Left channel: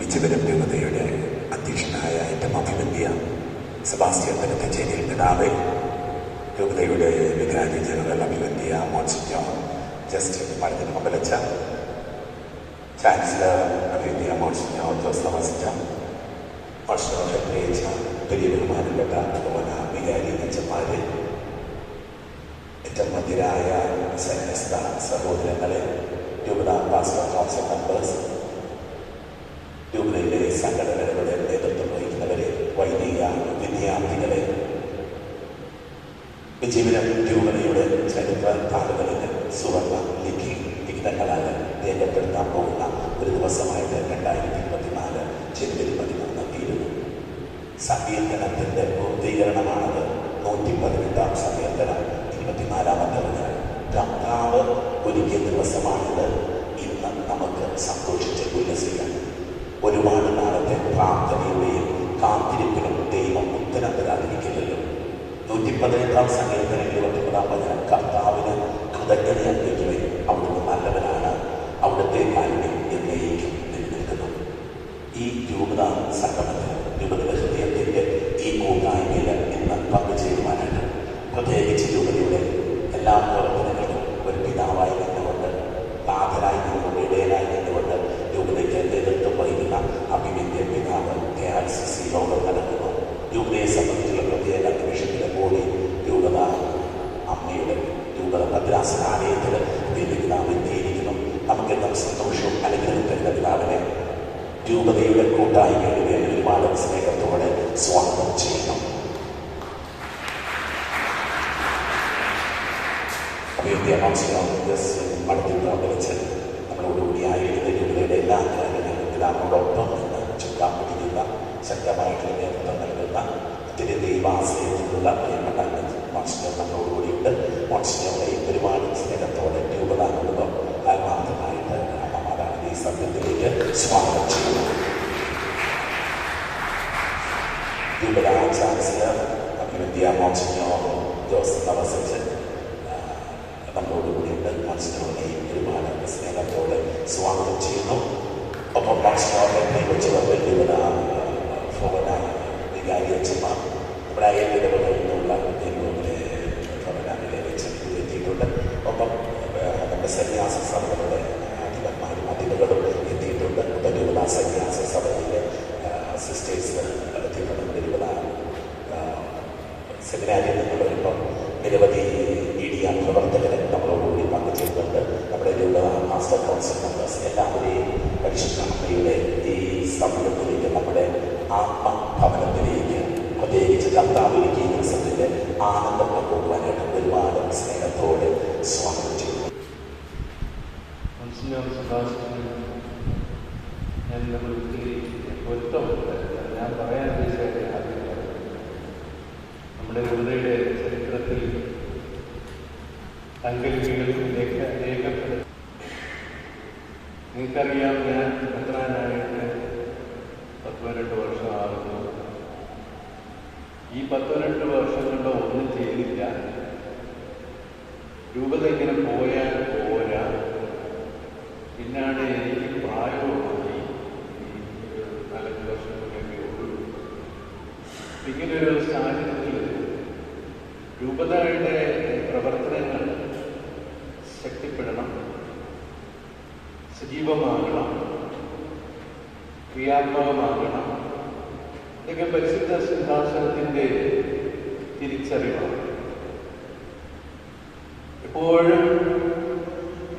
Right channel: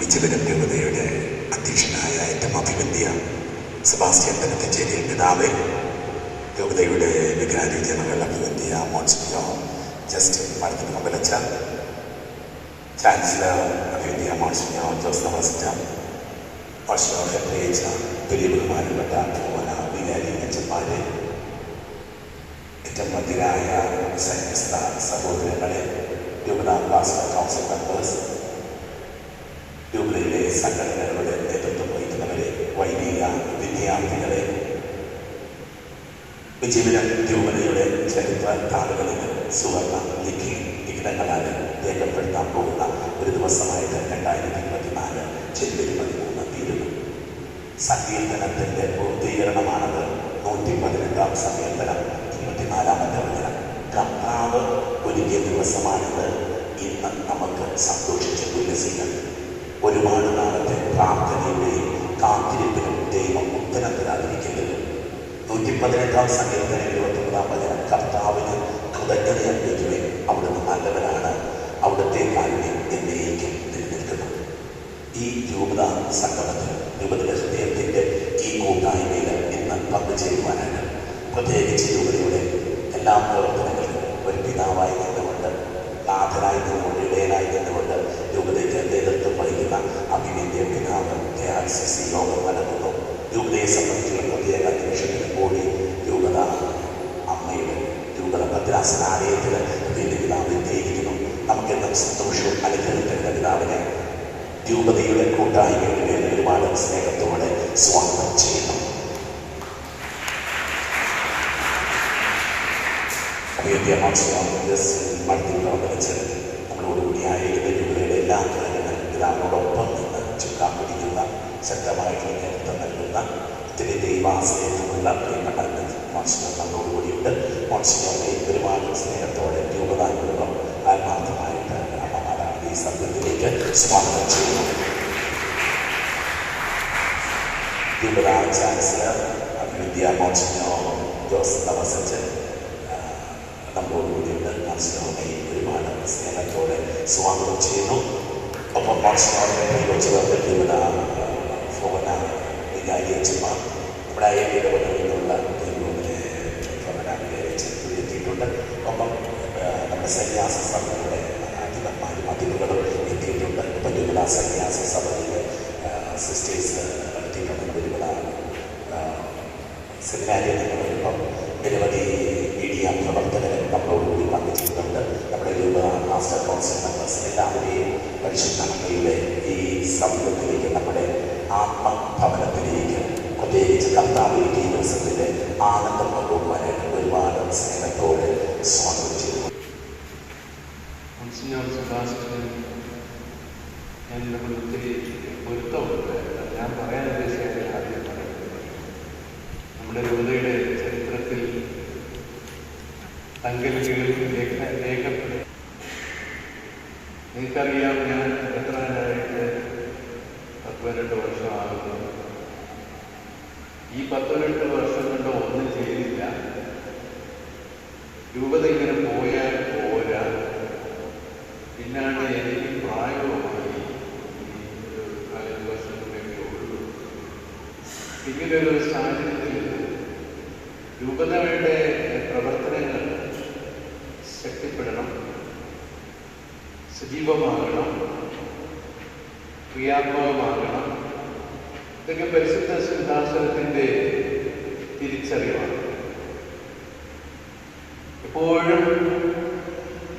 വിജയപുരം രൂപതയുടെ അധ്യക്ഷനായ ഏറ്റവും അഭിവന്ധ്യ സെബാസ്റ്റ്യൻ തലക്കച്ചേരി പിതാവ്, രൂപതയുടെ വികാരി ജനറൽ അഭിവന്ധ്യ മോൺസിഞ്ഞോർ ജസ്റ്റിൻ മാർട്ടിൻ മംഗലച്ച, ചാൻസലർ അഭിവന്ധ്യ മോൺസിഞ്ഞോർ ജോസ് തോമസ് പ്രത്യേകിച്ച വലിയ ബഹുമാനപ്പെട്ട വികാരി അച്ഛന്മാരെ, ഏറ്റവും മധ്യരായ സന്യസ്ത സഹോദരങ്ങളെ, രൂപത പാസ്റ്റർ കൗൺസിൽ മെമ്പേഴ്സ്, രൂപതയിലെ സംഘടനകളുടെ നേതൃത്വം വഹിക്കുന്നവരെ, വൈദിക വിദ്യാർത്ഥികളെ, വിജയപുരം രൂപതയുടെ ചരിത്ര താളുകളിൽ സുവർണ ലിഖിതങ്ങളാൽ രേഖപ്പെടുത്താൻ പോകുന്ന ഒരു ദിവസമായിട്ട് 2024 ജനുവരി 13 തീരുന്നു. സങ്കീർത്തനത്തിൻ്റെ പൂർത്തീകരണമാണത്. 118 സങ്കീർത്തനം 24-ാമത്തെ വചനം. കർത്താവ് ഒരുക്കിയ ദിവസമാണിത്. ഇന്ന് നമുക്ക് സന്തോഷിച്ച് ഉല്ലസിക്കാം. ഒരുപാട് നാളത്തെ പ്രാർത്ഥനയുടെയും കാത്തിരിപ്പിനും ദൈവം ഉത്തരം തരാതിരിക്കില്ലല്ലോ. 118 സങ്കീർത്തനം 29-ാം വചനം. കർത്താവിന് കൃതജ്ഞത അർപ്പിക്കുവാൻ അവിടുന്ന് നല്ലവനാണ്, അവിടുത്തെ കാരുണ്യം എന്നേക്കും നിലനിൽക്കുന്നു. ഈ രൂപത സംഗമത്തിൽ, രൂപതയുടെ ഹൃദയത്തിൻ്റെ ഈ കൂട്ടായ്മയിൽ ഇന്ന് പങ്കുചേരുവാനായിട്ട്, പ്രത്യേകിച്ച് രൂപതയുടെ എല്ലാ പ്രവർത്തനങ്ങളിലും ഒരു പിതാവായി നിന്നുകൊണ്ട്, നാഥനായി നിന്നുകൊണ്ട്, ഇടയനായി നിന്നുകൊണ്ട് രൂപതയ്ക്ക് നേതൃത്വം വഹിക്കുന്ന അഭിവന്ധ്യ പിതാവ് KRCC യോഗം നടക്കുന്നു. രൂപതയെ സംബന്ധിച്ചുള്ള പ്രത്യേക നിമിഷത്തിന് കൂടി രൂപത അമ്മയുടെ രൂപത ഭദ്രാസനാലയത്തിൽ പിതാവ് എത്തിയിരിക്കുന്നു. നമുക്കെല്ലാം സന്തോഷവും അനുഗ്രഹം തരുന്ന പിതാവിനെ രൂപതയുടെ കൂട്ടായ്മയുടെ പേരിൽ ഒരുപാട് സ്നേഹത്തോടെ സ്വാഗതം ചെയ്യുന്നു. അഭിവന്ധ്യ മഠത്തിൽ നമ്മളോടുകൂടി ആയിരിക്കുന്ന രൂപതയുടെ എല്ലാ കാര്യങ്ങളും പിതാവിനോടൊപ്പം നിന്ന് ചുക്കാൻ പിടിക്കുന്ന, ശക്തമായിട്ടുള്ള നേതൃത്വം നൽകുന്ന, ഒത്തിരി ദൈവാശ്രയത്തിലുള്ള പ്രിയപ്പെട്ട മോൺസിഞ്ഞോർ നമ്മളോടുകൂടിയുണ്ട്. മോൺസിഞ്ഞോറെ ഒരുപാട് സ്നേഹത്തോടെ രൂപതാകുമ്പം ആത്മാർത്ഥമായിട്ട് അമ്മമാരാണ് ഈ സത്യത്തിലേക്ക് സ്വാഗതം ചെയ്യുന്നു. രൂപത ചാൻസലർ അഭിവന്ധ്യ മോൺസിഞ്ഞോർ ജോസ് തോമസ് നമ്മളോടുകൂടിയുണ്ട്. മോൺസിഞ്ഞോറെ ഒരുപാട് സ്നേഹത്തോടെ സ്വാഗതം ചെയ്യുന്നു. ഒപ്പം മോൺസിഞ്ഞോറെ കൈവച്ചവർക്ക് രൂപത ഭവന വികാരി അച്ഛന്മാർ, നമ്മുടെ അയൽയിടവകളിൽ നിന്നുള്ള ഭവന വികാരി അച്ഛൻ എത്തിയിട്ടുണ്ട്. ഒപ്പം നമ്മുടെ സന്യാസ സഭകളുടെ അധിപന്മാരും അധിപകളും എത്തിയിട്ടുണ്ട്. ഇപ്പം രൂപത സന്യാസ സഭയിലെ സിസ്റ്റേഴ്സ് എത്തിയിട്ടുണ്ട്. രൂപത സെമിനാരിയിൽ നിന്ന് വരുമ്പം നിരവധി മീഡിയ പ്രവർത്തകർ നമ്മളോടുകൂടി പങ്കുചേരുന്നുണ്ട്. നമ്മുടെ രൂപത മാസ്റ്റർ കൗൺസിൽ മെമ്പേഴ്സ് എല്ലാവരെയും പരിശുദ്ധ അമ്മയുടെ ഈ സമൂഹത്തിലേക്ക്, നമ്മുടെ ആത്മഭവനത്തിലേക്ക്, പ്രത്യേകിച്ച് കർത്താവിലേക്ക് ഈ ദിവസത്തിൻ്റെ ആനന്ദം പങ്കുവാനായിട്ട് ഒരുപാട് സ്നേഹത്തോടെ സ്വാഗതം ചെയ്യുന്നു. ഞാൻ നമ്മൾ ഒത്തിരി പൊരുത്തമുണ്ട്. ഞാൻ പറയാൻ ഉദ്ദേശിച്ച ആദ്യം പറയുന്നത്, നമ്മുടെ രൂപതയുടെ ചരിത്രത്തിൽ തങ്കലിപികളിൽ രേഖപ്പെടുത്തി. നിങ്ങൾക്കറിയാം, ഞാൻ മെത്രാനായിട്ട് 18 വർഷമാകുന്നു. ഈ 18 വർഷം കൊണ്ട് ഒന്നും ചെയ്തില്ല. രൂപത ഇങ്ങനെ പോയാൽ പോരാ. പിന്നാണ് എനിക്ക് പ്രായവുമായി 4 വർഷം കൊണ്ടൊക്കെ ഉള്ളൂ. ഇങ്ങനൊരു സാഹചര്യത്തിൽ രൂപതയുടെ പ്രവർത്തനങ്ങൾ ശക്തിപ്പെടണം, സജീവമാകണം, ക്രിയാത്മകമാകണം. ഇതൊക്കെ പരിശുദ്ധ സിംഹാസനത്തിൻ്റെ തിരിച്ചറിവാണ്. എപ്പോഴും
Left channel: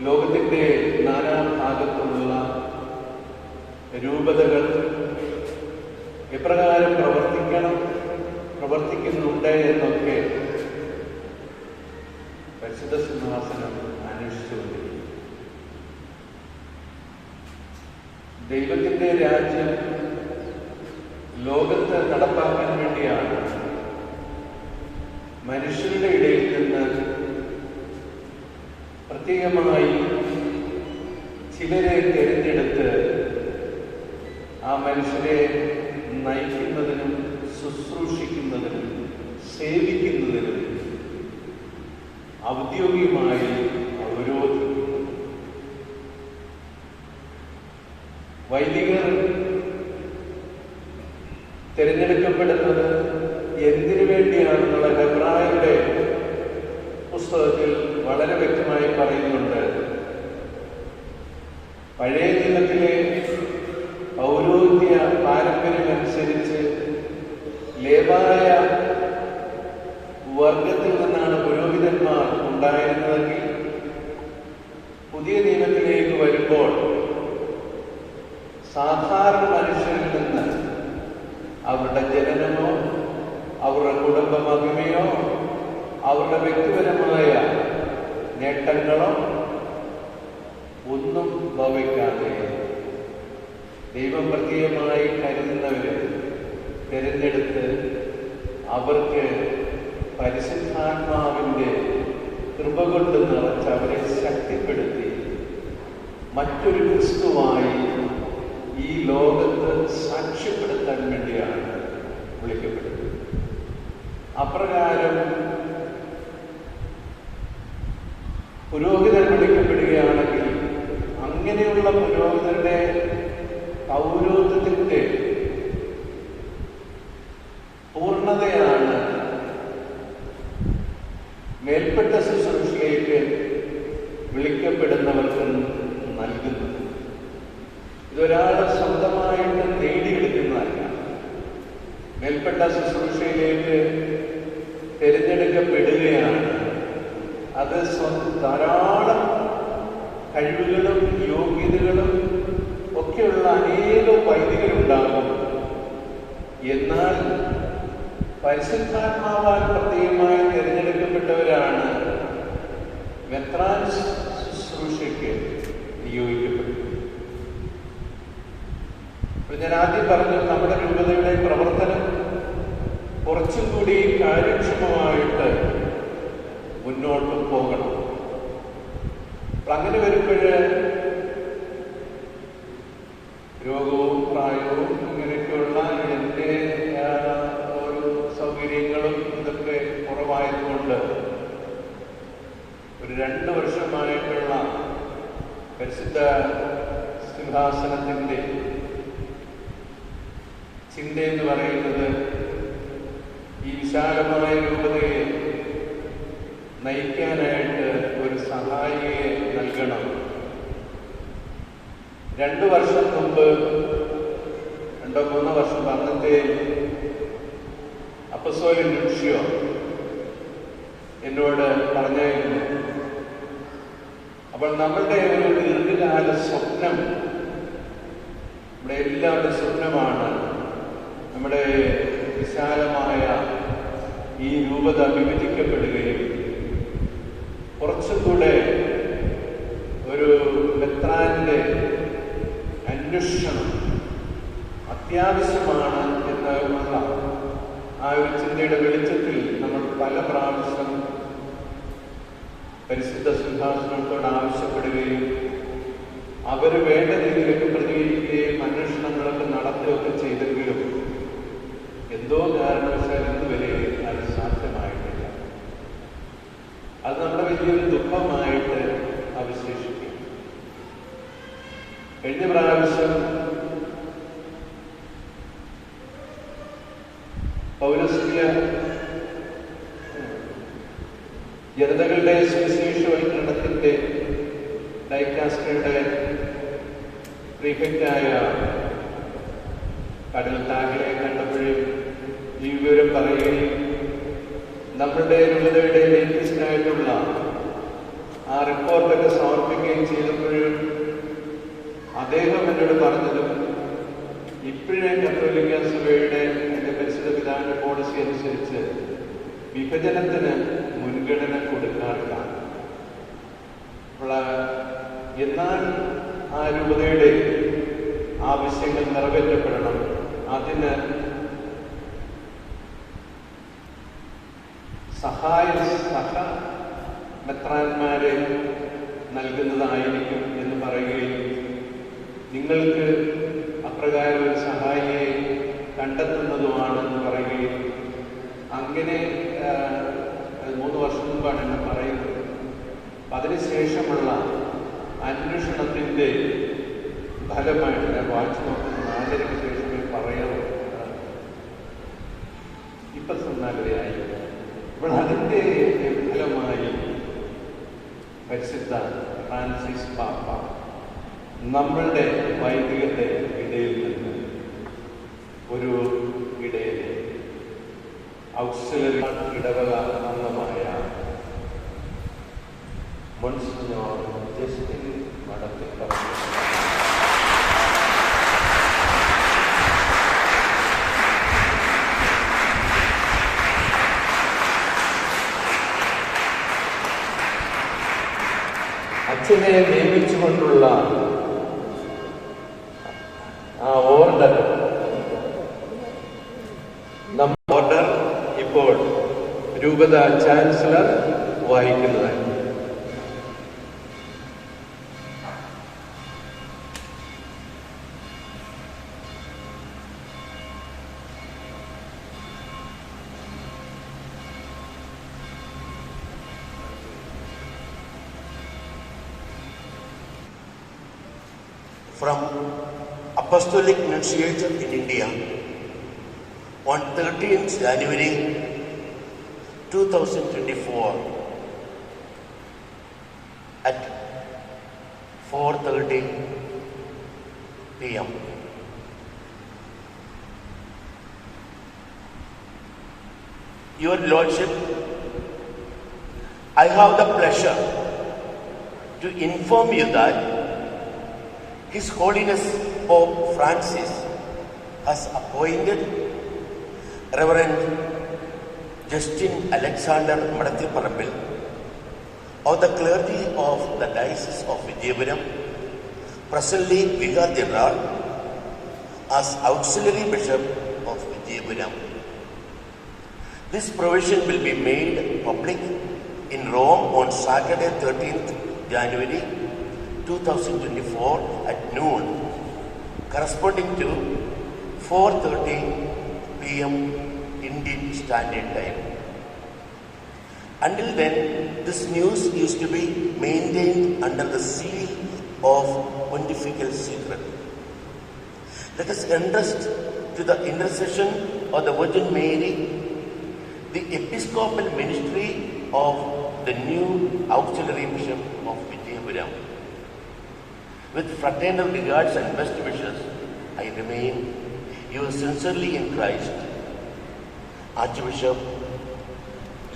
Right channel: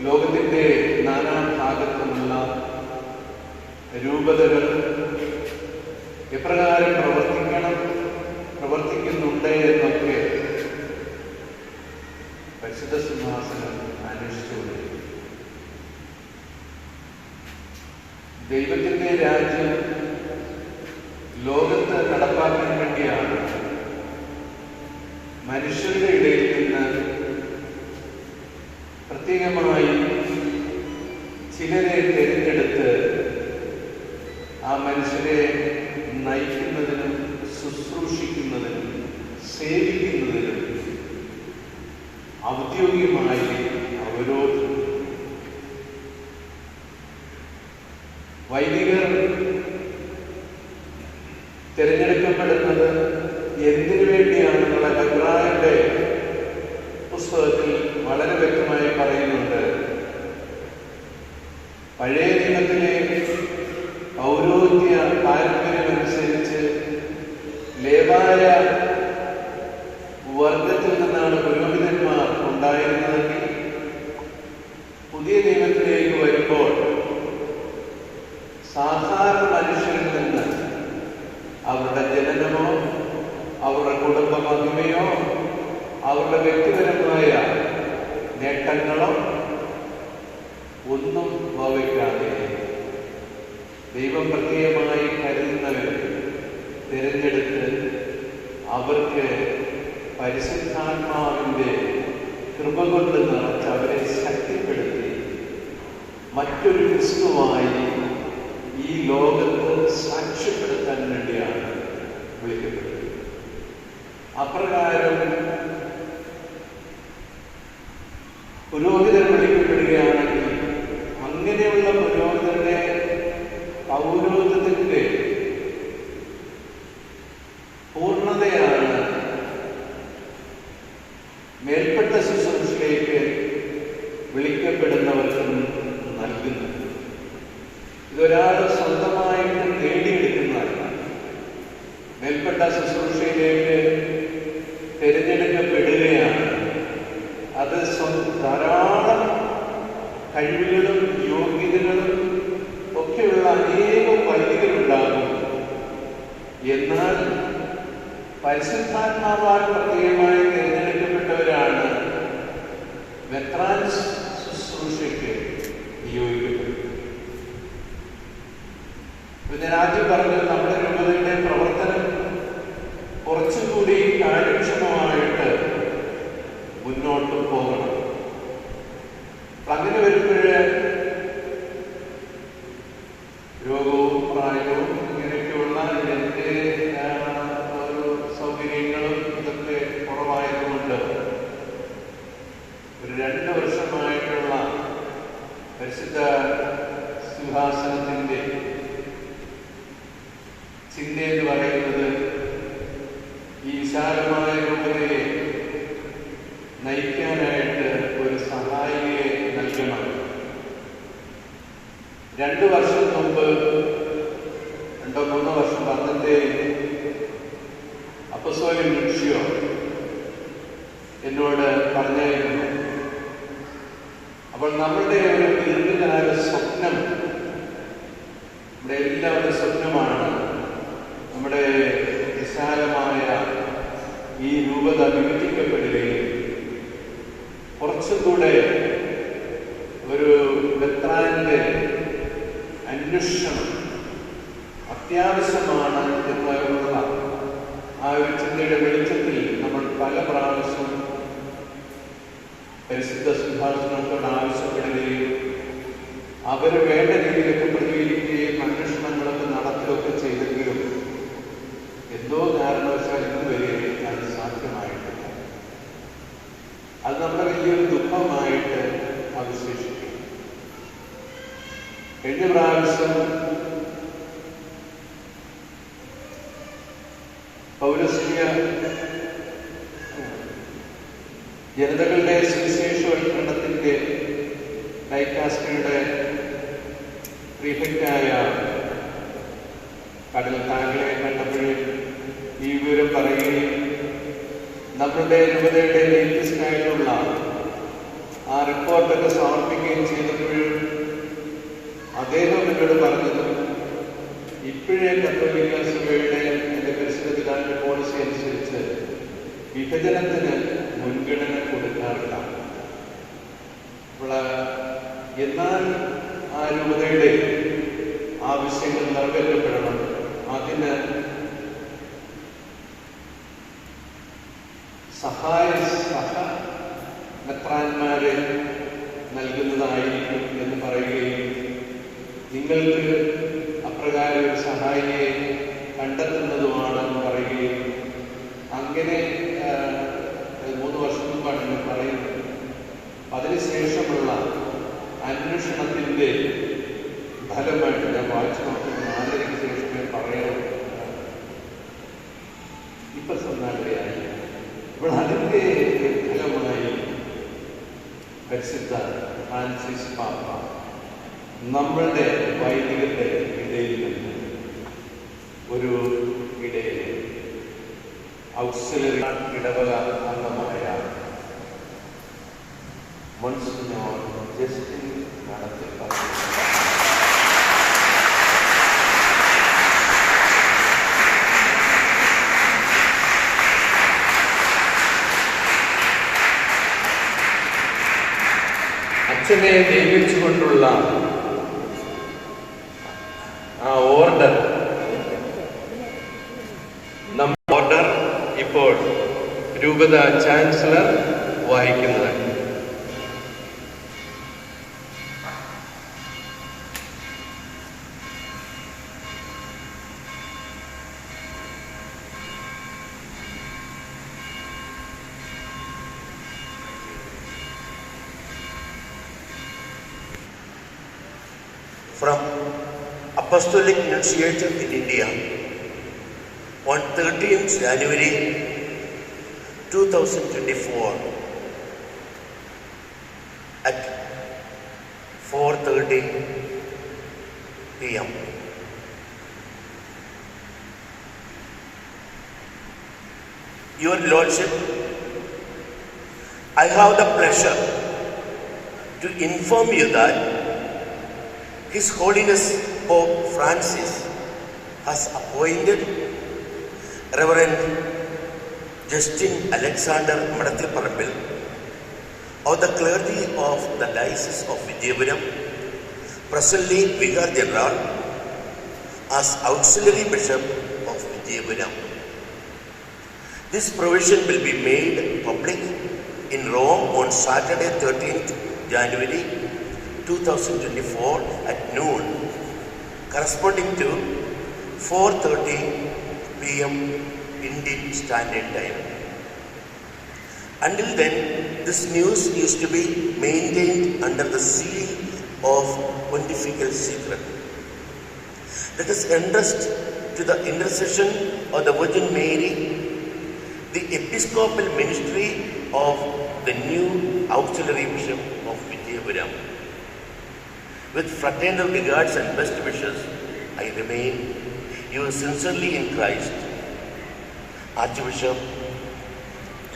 ലോകത്തിൻ്റെ നാനാഭാഗത്തുമുള്ള രൂപതകൾ എപ്രകാരം പ്രവർത്തിക്കുന്നുണ്ട് എന്നൊക്കെ പരിശുദ്ധ സിംഹാസനം അന്വേഷിച്ചുകൊണ്ടിരിക്കും. ദൈവത്തിൻ്റെ രാജ്യം ലോകത്ത് നടപ്പാക്കാൻ വേണ്ടിയാണ് മനുഷ്യരുടെ ഇടയിൽ നിന്ന് പ്രത്യേകമായി ചിലരെ തിരഞ്ഞെടുത്ത് ആ മനുഷ്യരെ നയിക്കുന്നതിനും ശുശ്രൂഷിക്കുന്നതിനും സേവിക്കുന്നതിനും ഔദ്യോഗികമായി അവരോധം. വൈദികർ തിരഞ്ഞെടുക്കപ്പെടുന്നത് എന്തിനു വേണ്ടിയാണെന്നുള്ള ഹെബ്രായരുടെ പുസ്തകത്തിൽ വളരെ വ്യക്തമായി പറയുന്നുണ്ട്. പഴയ നിയമത്തിലെ പൗരോഹിത്യ പാരമ്പര്യമനുസരിച്ച് ലേവായ വർഗത്തിൽ നിന്നാണ് പുരോഹിതന്മാർ ഉണ്ടായിരുന്നതെങ്കിൽ പുതിയ നിയമത്തിലേക്ക് വരുമ്പോൾ സാധാരണ മനുഷ്യരിൽ നിന്ന് അവരുടെ ജനനമോ അവരുടെ കുടുംബ മഹിമയോ അവരുടെ വ്യക്തിപരമായ നേട്ടങ്ങളോ ഒന്നും ഭവിക്കാതെ ദൈവം പ്രത്യേകമായി കരുതുന്നവരെ തിരഞ്ഞെടുത്ത് അവർക്ക് പരിശുദ്ധാത്മാവിൻ്റെ കൃപ കൊണ്ട് നിറച്ച് അവരെ ശക്തിപ്പെടുത്തി മറ്റൊരു ക്രിസ്തുവായി ഈ ലോകത്ത് സാക്ഷ്യപ്പെടുത്താൻ വേണ്ടിയാണ് വിളിക്കപ്പെടുന്നത്. അപ്രകാരം പുരോഹിതൻ വിളിക്കപ്പെടുകയാണെങ്കിൽ അങ്ങനെയുള്ള പുരോഹിതന്റെ പൗരോഹിത്യത്തിന്റെ പൂർണ്ണതയാണ് മേൽപ്പെട്ട ശുശ്രൂഷയിലേക്ക് വിളിക്കപ്പെടുന്നവർക്ക് നൽകുന്നത്. ഇതൊരാൾ സ്വന്തമായിട്ട് നേടിയെടുക്കുന്നതല്ല. മേൽപ്പെട്ട ശുശ്രൂഷയിലേക്ക് തിരഞ്ഞെടുക്കപ്പെടുകയാണ്. അത് ധാരാളം കഴിവുകളും യോഗ്യതകളും ഒക്കെയുള്ള അനേകം വൈദികരുണ്ടാകും. എന്നാൽ പരിശുദ്ധാത്മാവാൽ പ്രത്യേകമായി തിരഞ്ഞെടുക്കപ്പെട്ടവരാണ് മെത്രാൻ ശുശ്രൂഷയ്ക്ക് നിയോഗിക്കപ്പെടുന്നത്. ഞാൻ ആദ്യം പറഞ്ഞത് നമ്മുടെ രൂപതയുടെ പ്രവർത്തനം കുറച്ചും കൂടി കാര്യക്ഷമമായിട്ട് മുന്നോട്ട് പോകണം. അങ്ങനെ വരുമ്പോൾ രോഗവും പ്രായവും ഇങ്ങനെയൊക്കെയുള്ള ഇതിൻ്റെ ഒരു സൗകര്യങ്ങളും ഇതൊക്കെ കുറവായതുകൊണ്ട് ഒരു 2 വർഷമായിട്ടുള്ള പരിശുദ്ധ സിംഹാസനത്തിൻ്റെ ചിന്തയെന്ന് പറയുന്നത് ഈ വിശാലമായ രൂപതയെ നയിക്കാനായിട്ട് ഒരു സഹായിയെ നൽകണം. 2 വർഷം മുമ്പ് 2-3 വർഷം അന്നത്തെ അപ്പസ്തോലൻ ലൂഷ്യോ എന്നോട് പറഞ്ഞായിരുന്നു. അപ്പോൾ നമ്മളുടെ ഒരു ദീർഘകാല സ്വപ്നം, നമ്മുടെ എല്ലാവരുടെ സ്വപ്നമാണ് നമ്മുടെ വിശാലമായ ഈ രൂപത വിഭജിക്കപ്പെടുകയും കുറച്ചും കൂടെ ഒരു മെത്രാന്റെ അന്വേഷണം അത്യാവശ്യമാണ് എന്നുള്ള ആ ഒരു ചിന്തയുടെ വെളിച്ചത്തിൽ നമ്മൾ പല പ്രാവശ്യം പരിശുദ്ധ സിംഹാസനത്തോട് ആവശ്യപ്പെടുകയും അവർ വേണ്ട രീതിയിലൊക്കെ പ്രതികരിക്കുകയും അന്വേഷണങ്ങളൊക്കെ നടത്തുകയൊക്കെ ചെയ്തെങ്കിലും എന്തോ കാരണവശാൽ ഇതുവരെ അത് സാധ്യമായിട്ടില്ല. അത് നമ്മുടെ വലിയൊരു ദുഃഖമായിട്ട് അവശേഷിക്കും. കഴിഞ്ഞ പ്രാവശ്യം പൗരസ്ത്യ ജനതകളുടെ സുവിശേഷവൽക്കരണത്തിന്റെ ഡൈക്കാസ്റ്ററിയുടെ പ്രീഫെക്റ്റായ കടൽ താങ്കളെ കണ്ടപ്പോഴും ഈ വിവരം പറയുകയും നമ്മളുടെ രൂപതയുടെ ലേറ്റസ്റ്റ് ആയിട്ടുള്ള ആ റിപ്പോർട്ടൊക്കെ സമർപ്പിക്കുകയും ചെയ്തപ്പോഴും അദ്ദേഹം എന്നോട് പറഞ്ഞത് ഇപ്പോഴേ കത്തോലിക്ക സഭയുടെ പരിശുദ്ധ പിതാവിന്റെ പോളിസി അനുസരിച്ച് വിഭജനത്തിന് മുൻഗണന കൊടുക്കാറില്ല. അപ്പോൾ എന്നാൽ ആ രൂപതയുടെ ആവശ്യങ്ങൾ നിറവേറ്റപ്പെടണം. അതിന് സഹ മെത്രാന്മാരെ നൽകുന്നതായിരിക്കും എന്ന് പറയുകയും നിങ്ങൾക്ക് അപ്രകാരം ഒരു സഹായിയെ കണ്ടെത്തുന്നതുമാണെന്ന് പറയുകയും അങ്ങനെ 3 വർഷം മുമ്പാണ് എന്ന് പറയുന്നത്. അതിനുശേഷമുള്ള അന്വേഷണത്തിൻ്റെ ഫലമായിട്ട് ഞാൻ വായിച്ചു നോക്കുന്നത് 4:30 ശേഷമേ പറയാവൂ. അപ്പോൾ അതിൻ്റെ ഫലമായി പരിശുദ്ധ ഫ്രാൻസിസ് പാപ്പ നമ്മളുടെ വൈദികരുടെ ഇടയിൽ നിന്ന് ഒരു ഇടയിലെ ഔക്സിലറി ഇടവക അംഗമായ മോൺസിഞ്ഞോർ ജസ്റ്റിൻ മഠത്തിൽ പറഞ്ഞു. അച്ഛനെ നിയമിച്ചുകൊണ്ടുള്ള ആ ഓർഡർ ഇപ്പോൾ രൂപത chancellor വഹിക്കുന്നതാണ്. From Apostolic Nunciature in India on 13th January 2024 at 4:30 p.m. Your Lordship, I have the pleasure to inform you that His Holiness Pope Francis has appointed Reverend Justin Alexander Madathilparambil of the clergy of the Diocese of Vijayapuram, presently Vicar General, as Auxiliary Bishop of Vijayapuram. This provision will be made public in Rome on Saturday 13th January 2024 at noon, corresponding to 4:30 p.m. Indian Standard Time. Until then, this news is to be maintained under the seal of pontifical secret. Let us entrust to the intercession of the Virgin Mary the episcopal ministry of the new auxiliary bishop of Vijayapuram. With fraternal regards and best wishes, I remain yours sincerely in Christ, Archbishop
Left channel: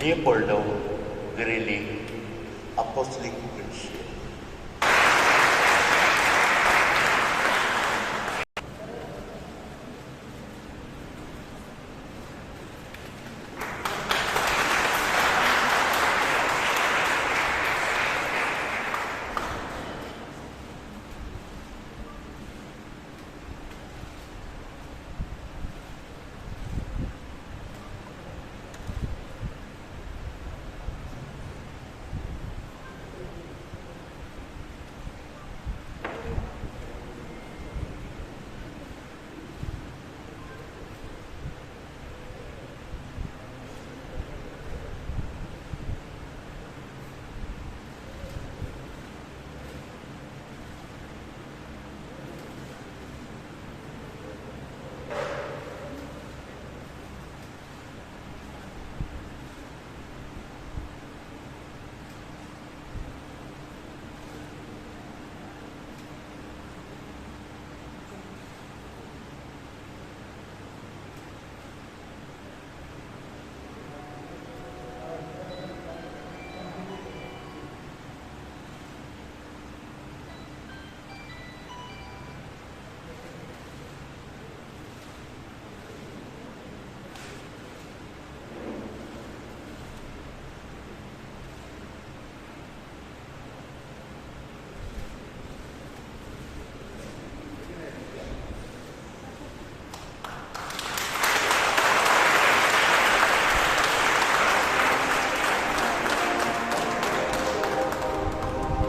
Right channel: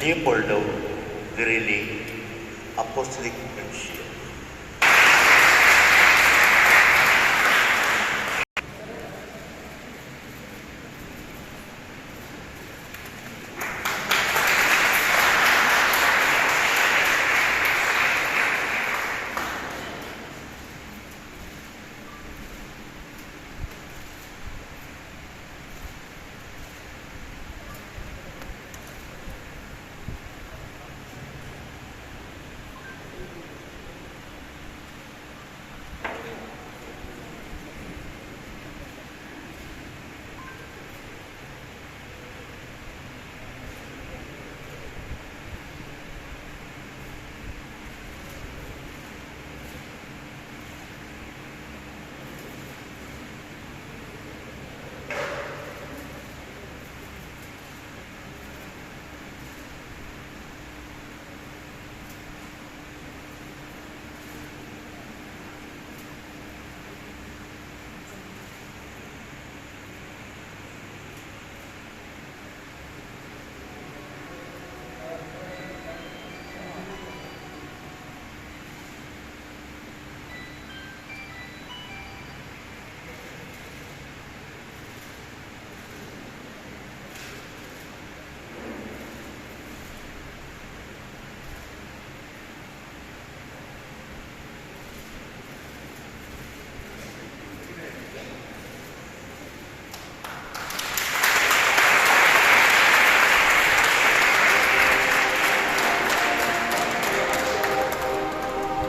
Leopoldo Virelli, Apostolic Nuncio.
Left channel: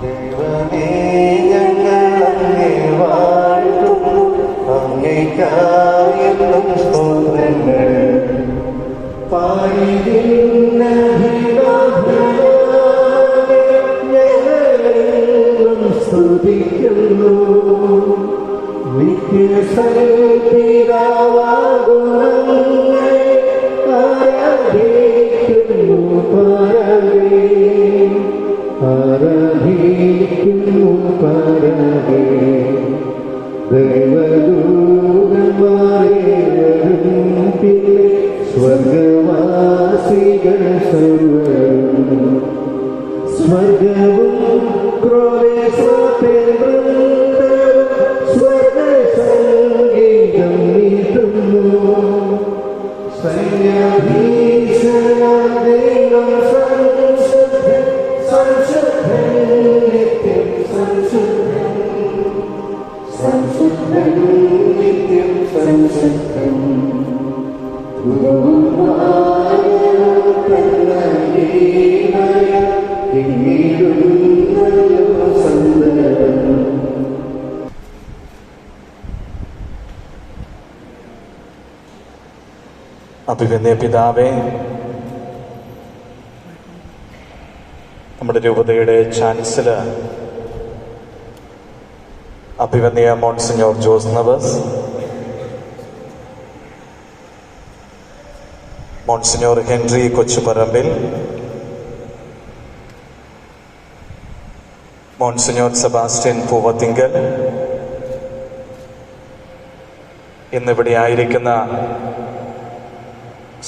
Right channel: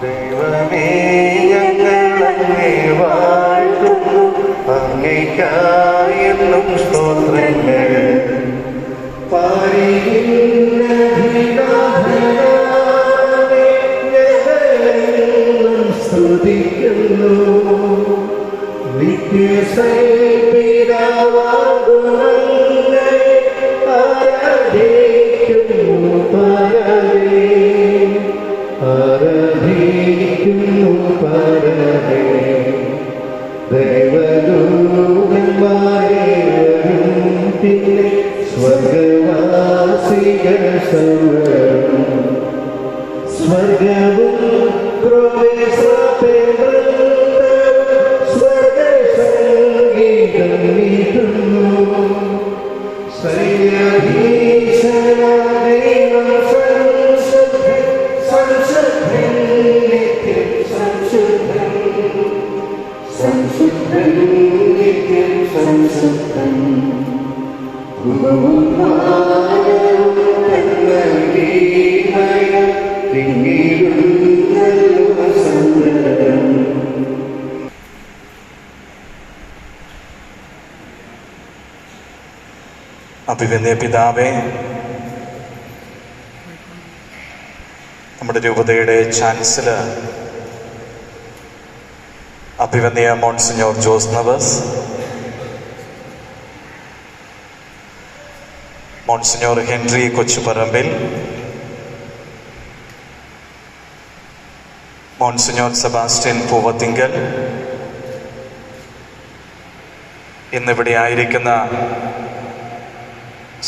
ദൈവമേ, ഞങ്ങൾ അങ്ങേ വാഴ്ത്തുന്നു, അങ്ങേയ്ക്കായെന്നും സ്തോത്രങ്ങൾ. പാരിയില്ല ഭിലാഭിലാമേ, ഞങ്ങളെന്നും സ്തുതിക്കുന്നു. നിത്യസൈപിതാവാകും അങ്ങയെ ആരാധിക്കുന്നു. സംശുദ്ധം ഭൂവും വാനവും തന്മഹീമയ തിങ്ങിടുന്നല്ലോ സന്തതം. അഭിവന്യ പിതാവേ, നമ്മുടെ രൂപതയുടെ ചാൻസലർ അഭിവന്യ monsignor Jose Neves, monsignor Henry Kochuparambil, monsignor Sebastian Poovathinkal, ഇന്നിവിടെ ആയിരിക്കുന്ന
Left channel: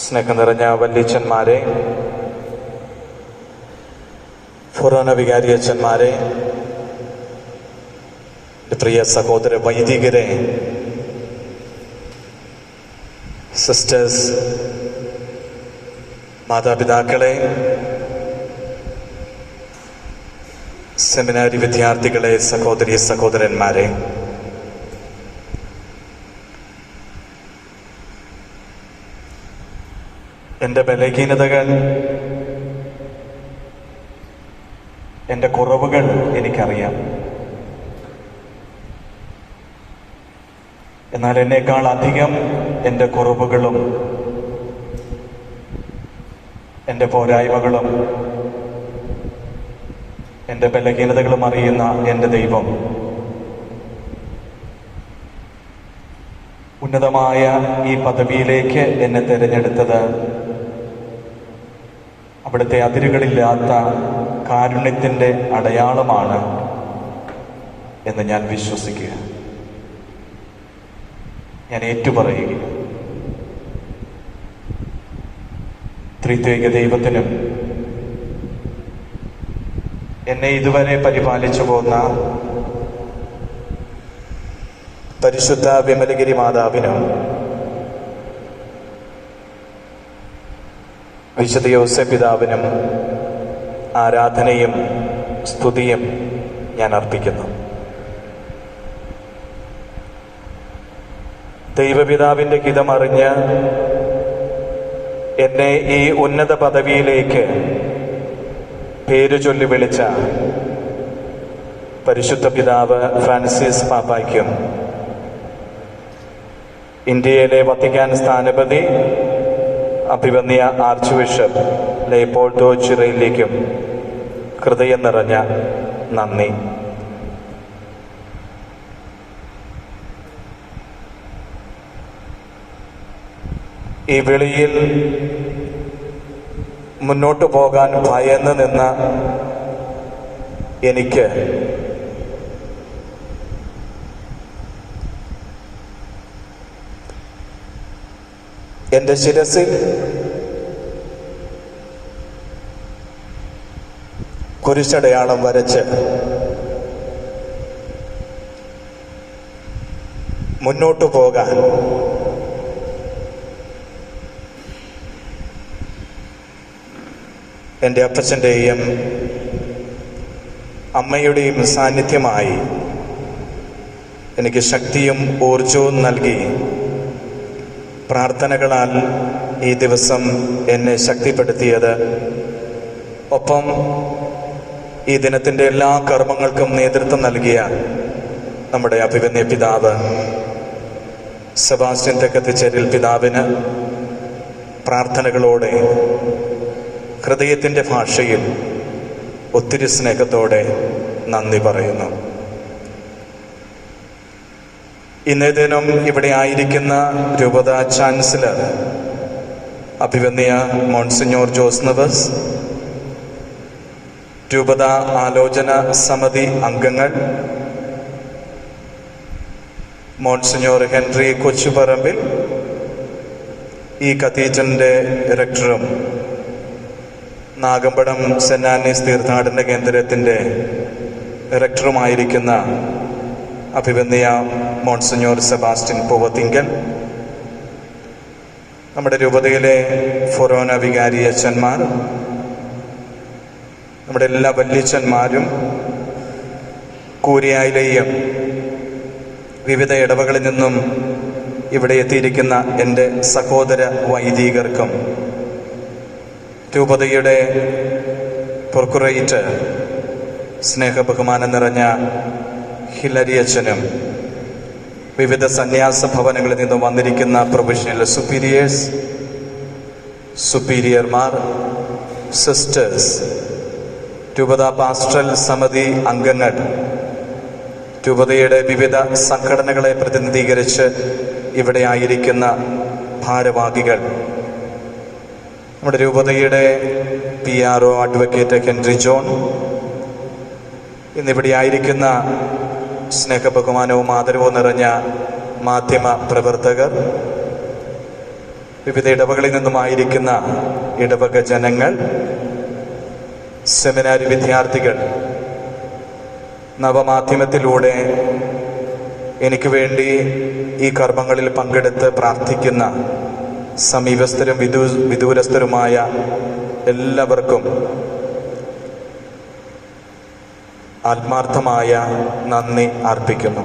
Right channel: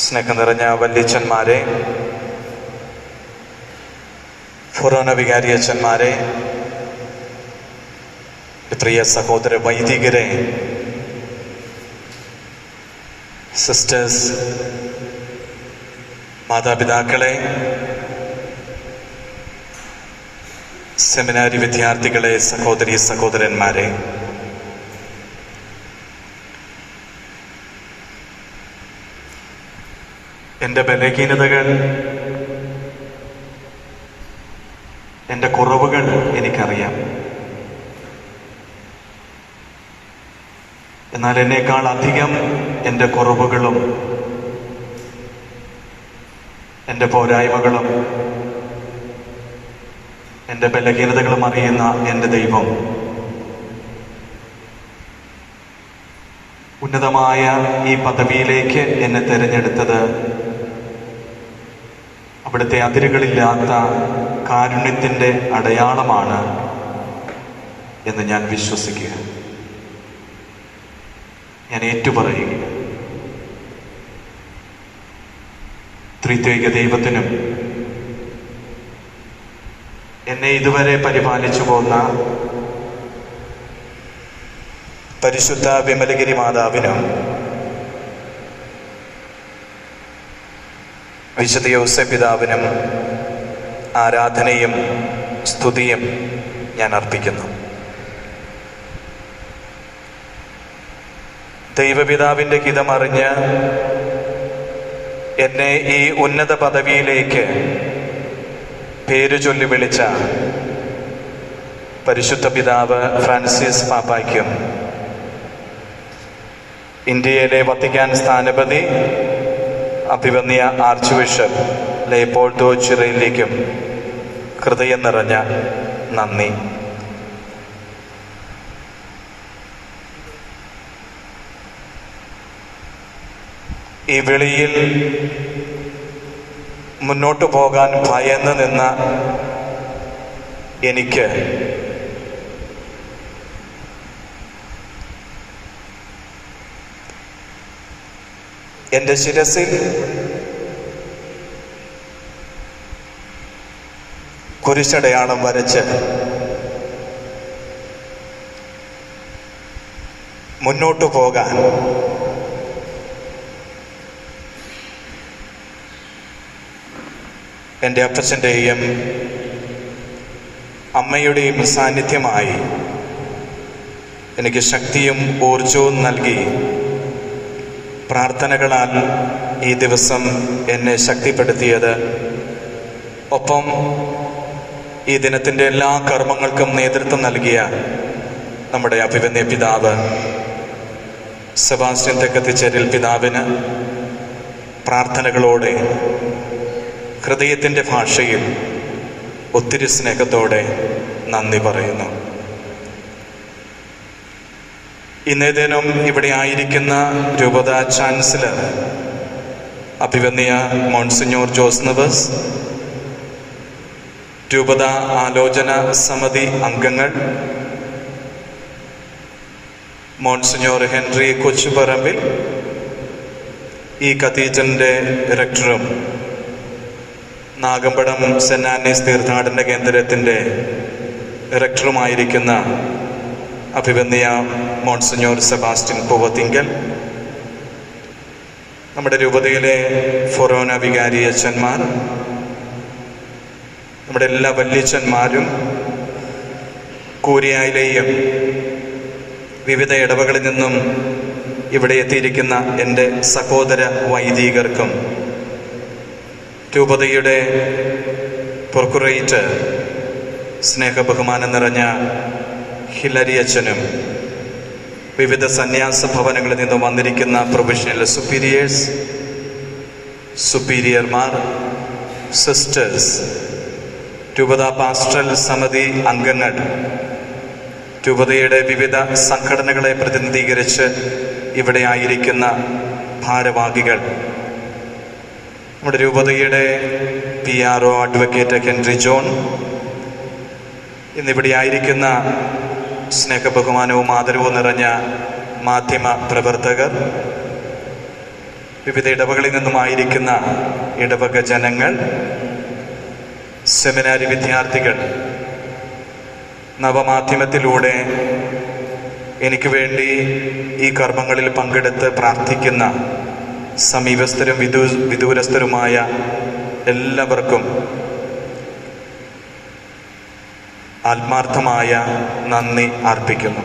സ്നേഹം നിറഞ്ഞ വല്യച്ഛന്മാരെ, ഫൊറോന വികാരിയച്ഛന്മാരെ, പ്രിയ സഹോദര വൈദികരെ, സിസ്റ്റേഴ്സ്, മാതാപിതാക്കളെ, സെമിനാരി വിദ്യാർത്ഥികളെ, സഹോദരി സഹോദരന്മാരെ, എൻ്റെ ബലഹീനതകൾ, എൻ്റെ കുറവുകൾ എനിക്കറിയാം. എന്നാൽ എന്നേക്കാൾ അധികം എൻ്റെ കുറവുകളും എൻ്റെ പോരായ്മകളും എൻ്റെ ബലഹീനതകളും അറിയുന്ന എൻ്റെ ദൈവം ഉന്നതമായ ഈ പദവിയിലേക്ക് എന്നെ തിരഞ്ഞെടുത്തത് അവിടുത്തെ അതിരുകളില്ലാത്ത കാരുണ്യത്തിൻ്റെ അടയാളമാണ് എന്ന് ഞാൻ വിശ്വസിക്കുക. ഞാൻ ഏറ്റുപറയുക. ത്രിത്വൈക ദൈവത്തിനും എന്നെ ഇതുവരെ പരിപാലിച്ചു പോന്ന പരിശുദ്ധ വിമലഗിരി മാതാവിനും വിശുദ്ധ യോസേപ്പ് പിതാവിനും ആരാധനയും സ്തുതിയും ഞാൻ അർപ്പിക്കുന്നു. ദൈവപിതാവിൻ്റെ ഹിതമറിഞ്ഞ് എന്നെ ഈ ഉന്നത പദവിയിലേക്ക് പേരു ചൊല്ലി വിളിച്ച പരിശുദ്ധ പിതാവ് ഫ്രാൻസിസ് പാപ്പായ്ക്കും ഇന്ത്യയിലെ വത്തിക്കാൻ സ്ഥാനപതി അഭിവന്യ ആർച്ച് ബിഷപ്പ് ലെയ്പോൾഡോ ചിറയിലേക്കും ഹൃദയം നിറഞ്ഞ നന്ദി. ഈ വിളിയിൽ മുന്നോട്ടു പോകാൻ ഭയന്ന് നിന്ന എനിക്ക് എൻ്റെ ശിരസിൽ കുരിശടയാളം വരച്ച് മുന്നോട്ടു പോകാൻ എൻ്റെ അപ്പച്ചൻ്റെയും അമ്മയുടെയും സാന്നിധ്യമായി എനിക്ക് ശക്തിയും ഊർജവും നൽകി പ്രാർത്ഥനകളാൽ ഈ ദിവസം എന്നെ ശക്തിപ്പെടുത്തിയത്, ഒപ്പം ഈ ദിനത്തിൻ്റെ എല്ലാ കർമ്മങ്ങൾക്കും നേതൃത്വം നൽകിയ നമ്മുടെ അഭിവന്യ പിതാവ് സെബാസ്റ്റ്യൻ തെക്കത്തിച്ചേരിൽ പിതാവിന് പ്രാർത്ഥനകളോടെ ഹൃദയത്തിൻ്റെ ഭാഷയിൽ ഒത്തിരി സ്നേഹത്തോടെ നന്ദി പറയുന്നു. ഇന്നേ ദിനം ഇവിടെ ആയിരിക്കുന്ന രൂപത ചാൻസലർ അഭിവന്യ മോൺസിഞ്ഞോർ ജോസ് നവസ്, രൂപത ആലോചന സമിതി അംഗങ്ങൾ, മോൺസിഞ്ഞോർ ഹെൻറി കൊച്ചുപറമ്പിൽ, ഈ കത്തീഡ്രലിൻ്റെ റെക്ടറും നാഗമ്പടം സെന്റ് ആന്നീസ് തീർത്ഥാടന കേന്ദ്രത്തിൻ്റെ റെക്ടറുമായിരിക്കുന്ന അഭിവന്യ മോൺസിഞ്ഞോർ സെബാസ്റ്റ്യൻ പൂവത്തിങ്കൽ, നമ്മുടെ രൂപതയിലെ ഫൊറോന വികാരി അച്ഛന്മാർ, നമ്മുടെ എല്ലാ വല്യച്ഛന്മാരും, കൂരിയായിലെയും വിവിധ ഇടവകളിൽ നിന്നും ഇവിടെ എത്തിയിരിക്കുന്ന എൻ്റെ സഹോദര വൈദികർക്കും രൂപതയുടെ പ്രൊക്കുറേറ്റർ സ്നേഹബഹുമാനം നിറഞ്ഞ ഹിലരി അച്ഛനും വിവിധ സന്യാസ ഭവനങ്ങളിൽ നിന്ന് വന്നിരിക്കുന്ന പ്രൊഫഷണൽ സുപ്പീരിയേഴ്സ്, സുപ്പീരിയർമാർ, സിസ്റ്റേഴ്സ്, രൂപത പാസ്റ്ററൽ സമിതി അംഗങ്ങൾ, രൂപതയുടെ വിവിധ സംഘടനകളെ പ്രതിനിധീകരിച്ച് ഇവിടെ ആയിരിക്കുന്ന ഭാരവാഹികൾ, നമ്മുടെ രൂപതയുടെ PRO അഡ്വക്കേറ്റ് ഹെൻറി ജോൺ, ഇന്നിവിടെ ആയിരിക്കുന്ന സ്നേഹബഹുമാനവും ആദരവും നിറഞ്ഞ മാധ്യമ പ്രവർത്തകർ, വിവിധ ഇടവകളിൽ നിന്നുമായിരിക്കുന്ന ഇടവക ജനങ്ങൾ, സെമിനാരി വിദ്യാർത്ഥികൾ, നവമാധ്യമത്തിലൂടെ എനിക്ക് വേണ്ടി ഈ കർമ്മങ്ങളിൽ പങ്കെടുത്ത് പ്രാർത്ഥിക്കുന്ന സമീപസ്ഥരും വിദൂരസ്ഥരുമായ എല്ലാവർക്കും ആത്മാർത്ഥമായ നന്ദി അർപ്പിക്കുന്നു.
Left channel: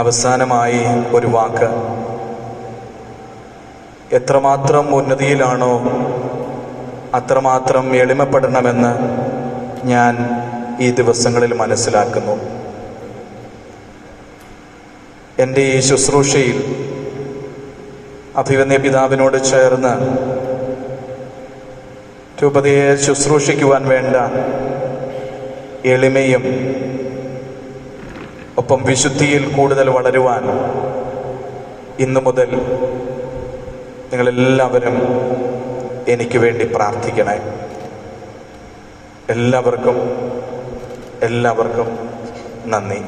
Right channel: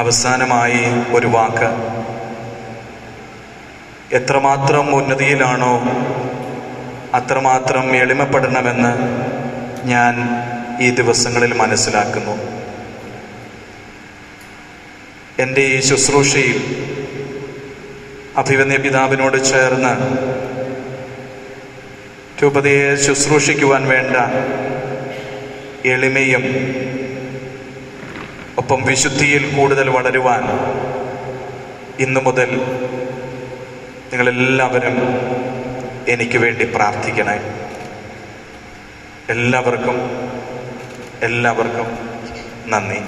അവസാനമായി ഒരു വാക്ക്. എത്രമാത്രം ഉന്നതിയിലാണോ അത്രമാത്രം എളിമപ്പെടണമെന്ന് ഞാൻ ഈ ദിവസങ്ങളിൽ മനസ്സിലാക്കുന്നു. എൻ്റെ ഈ ശുശ്രൂഷയിൽ അഭിവന്യ പിതാവിനോട് ചേർന്ന് രൂപതയെ ശുശ്രൂഷിക്കുവാൻ വേണ്ട എളിമയും ഒപ്പം വിശുദ്ധിയിൽ കൂടുതൽ വളരുവാൻ ഇന്നു മുതൽ നിങ്ങളെല്ലാവരും എനിക്ക് വേണ്ടി പ്രാർത്ഥിക്കണേ. എല്ലാവർക്കും നന്ദി.